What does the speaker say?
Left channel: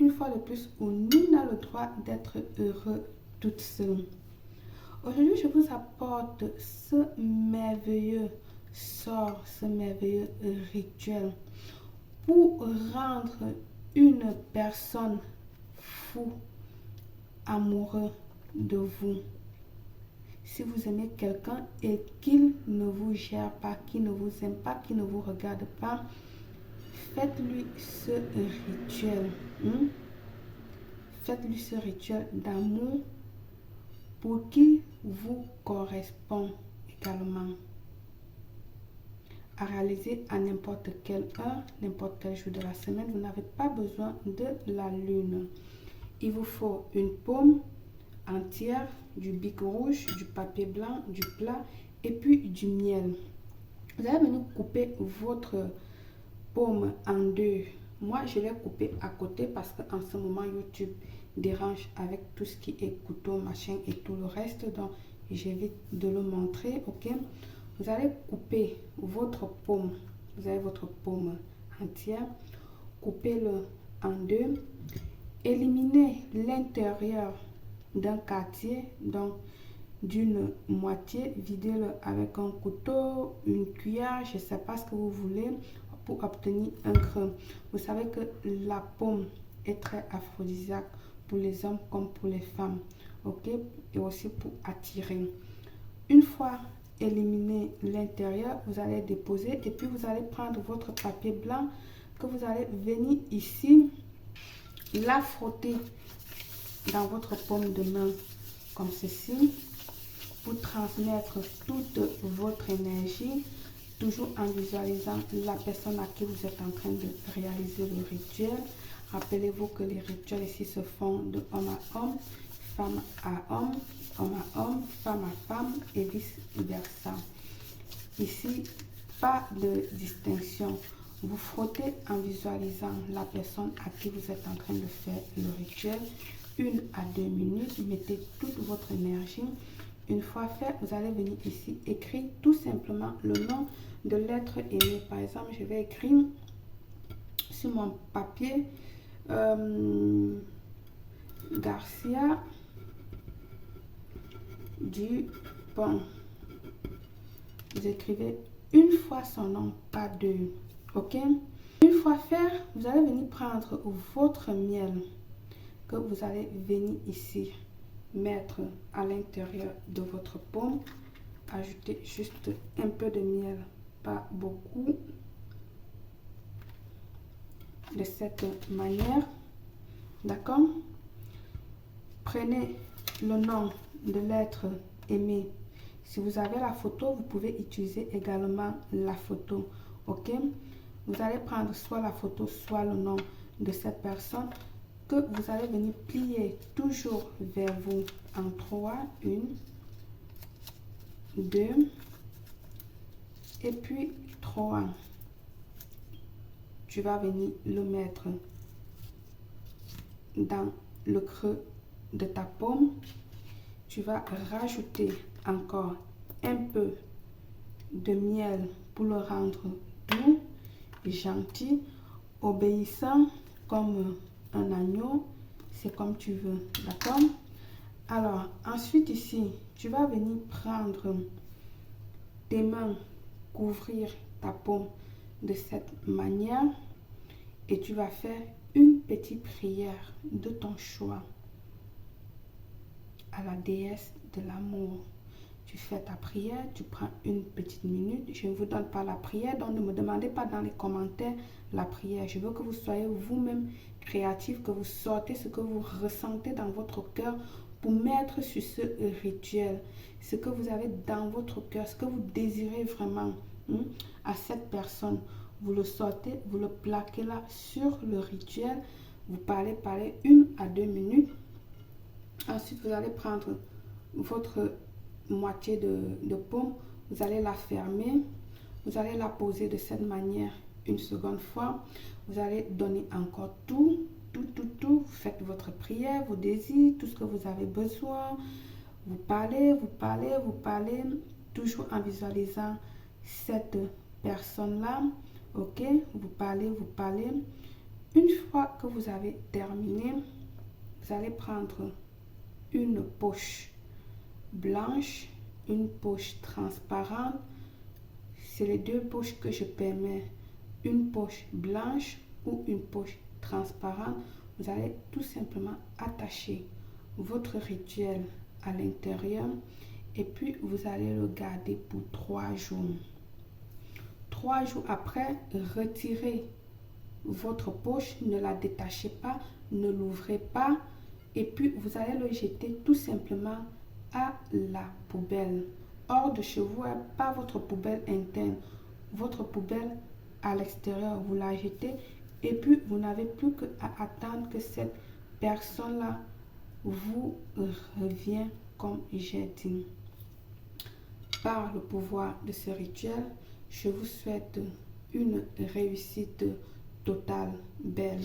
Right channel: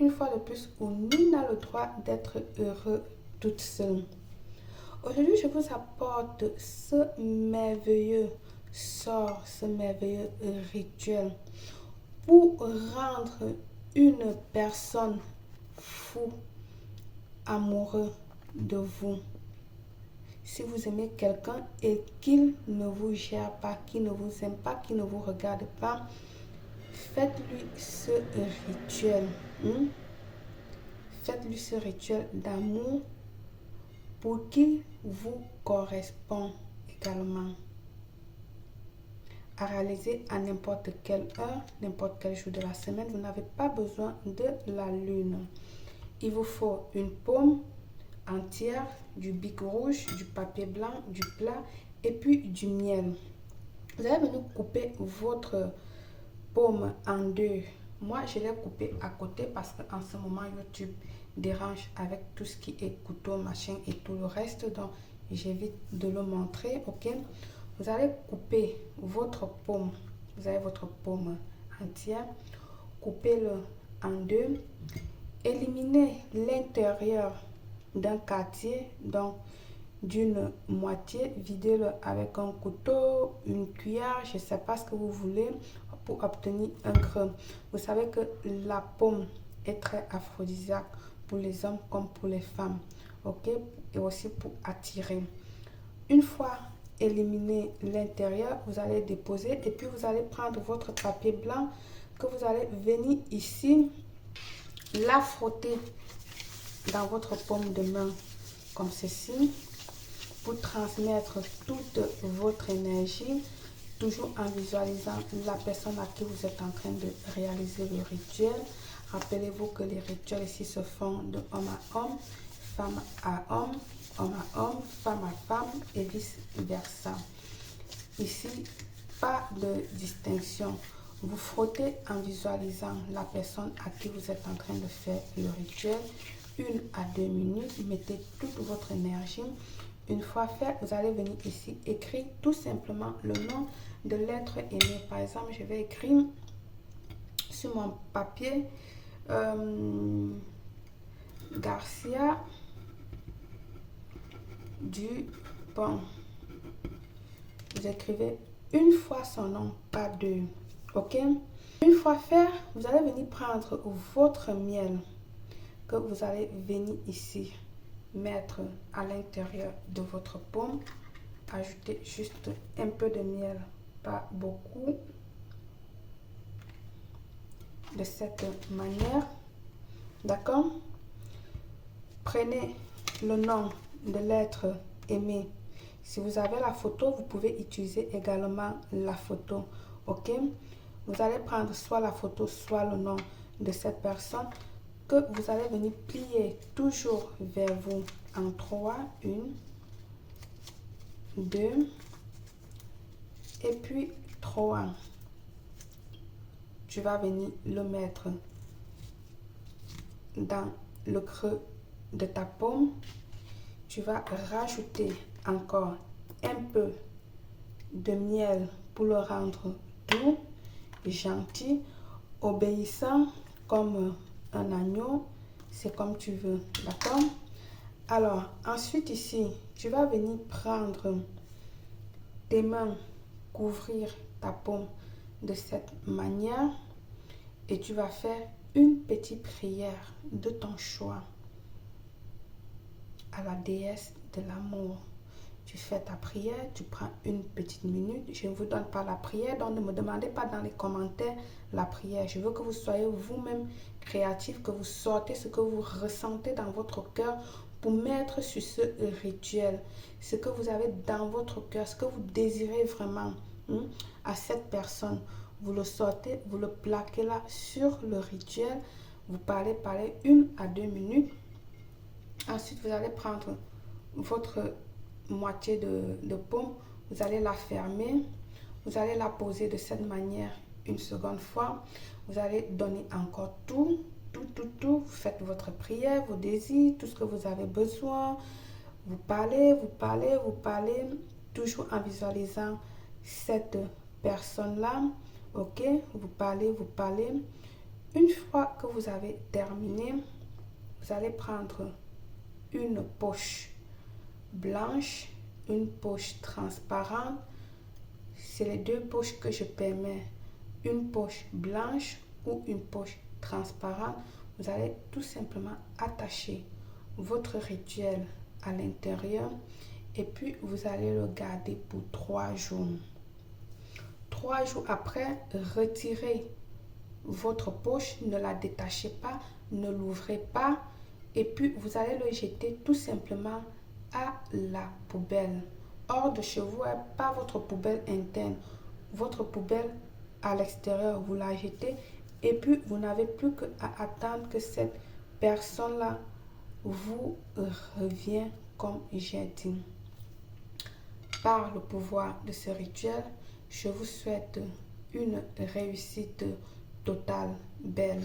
une fois de plus où nul n'a le droit d'être heureux toute seule. Aujourd'hui, je vous apporte ce merveilleux sort, ce merveilleux rituel pour rendre une personne fou, amoureux de vous. Si vous aimez quelqu'un et qu'il ne vous gère pas, qu'il ne vous aime pas, qu'il ne vous regarde pas, faites-lui ce rituel. Faites-lui ce rituel d'amour pour qu'il vous corresponde également. À réaliser à n'importe quelle heure, n'importe quel jour de la semaine. Vous n'avez pas besoin de la lune. Il vous faut une paume entière, du bic rouge, du papier blanc, du plat et puis du miel. Vous allez venir couper votre paume en deux. Moi, je l'ai coupé à côté parce qu'en ce moment, YouTube dérange avec tout ce qui est couteau, machin et tout le reste. Donc, j'évite de le montrer, ok? Vous allez couper votre paume. Vous avez votre paume entière. Coupez-le en deux. Éliminez l'intérieur d'un quartier, donc d'une moitié. Videz-le avec un couteau, une cuillère, je ne sais pas ce que vous voulez pour obtenir un creux. Vous savez que la paume est très aphrodisiaque pour les hommes comme pour les femmes, ok? Et aussi pour attirer. Une fois éliminé l'intérieur, vous allez déposer et puis vous allez prendre votre papier blanc que vous allez venir ici, la frotter dans votre paume de main comme ceci pour transmettre toute votre énergie, toujours en visualisant la personne à qui vous êtes en train de réaliser le rituel. Rappelez-vous que les rituels ici se font de homme à homme, femme à homme à homme, femme à femme et vice versa. Ici, pas de distinction. Vous frottez en visualisant la personne à qui vous êtes en train de faire le rituel. 1 à 2 minutes, mettez toute votre énergie. Une fois fait, vous allez venir ici écrire tout simplement le nom de l'être aimé. Par exemple, je vais écrire sur mon papier Garcia Dupont. Vous écrivez une fois son nom, pas deux. Ok? Une fois fait, vous allez venir prendre votre miel que vous allez venir ici mettre à l'intérieur de votre paume. Ajoutez juste un peu de miel, pas beaucoup. De cette manière. D'accord? Prenez le nom de l'être aimé. Si vous avez la photo, vous pouvez utiliser également la photo. Ok? Vous allez prendre soit la photo, soit le nom de cette personne que vous allez venir plier toujours vers vous en 3, 1, 2 et puis 3. Tu vas venir le mettre dans le creux de ta paume. Tu vas rajouter encore un peu de miel pour le rendre doux, gentil, obéissant comme un agneau. C'est comme tu veux, d'accord? Alors, ensuite ici, tu vas venir prendre tes mains, couvrir ta paume de cette manière et tu vas faire une petite prière de ton choix à la déesse de l'amour. Tu fais ta prière, tu prends une petite minute. Je ne vous donne pas la prière, donc ne me demandez pas dans les commentaires la prière. Je veux que vous soyez vous-même créatif, que vous sortez ce que vous ressentez dans votre cœur pour mettre sur ce rituel. Ce que vous avez dans votre cœur, ce que vous désirez vraiment à cette personne. Vous le sortez, vous le plaquez là sur le rituel. Vous parlez 1 à 2 minutes. Ensuite, vous allez prendre votre moitié de paume, vous allez la fermer, vous allez la poser de cette manière une seconde fois, vous allez donner encore tout, vous faites votre prière, vos désirs, tout ce que vous avez besoin, vous parlez, toujours en visualisant cette personne-là, ok, vous parlez, Une fois que vous avez terminé, vous allez prendre une poche blanche, une poche transparente. C'est les deux poches que je permets. Une poche blanche ou une poche transparente. Vous allez tout simplement attacher votre rituel à l'intérieur et puis vous allez le garder pour 3 jours. 3 jours après, retirez votre poche, ne la détachez pas, ne l'ouvrez pas et puis vous allez le jeter tout simplement à la poubelle. Hors de chez vous, pas votre poubelle interne, votre poubelle à l'extérieur, vous la jetez et puis vous n'avez plus qu'à attendre que cette personne-là vous revient comme j'ai dit. Par le pouvoir de ce rituel, je vous souhaite une réussite totale, belle.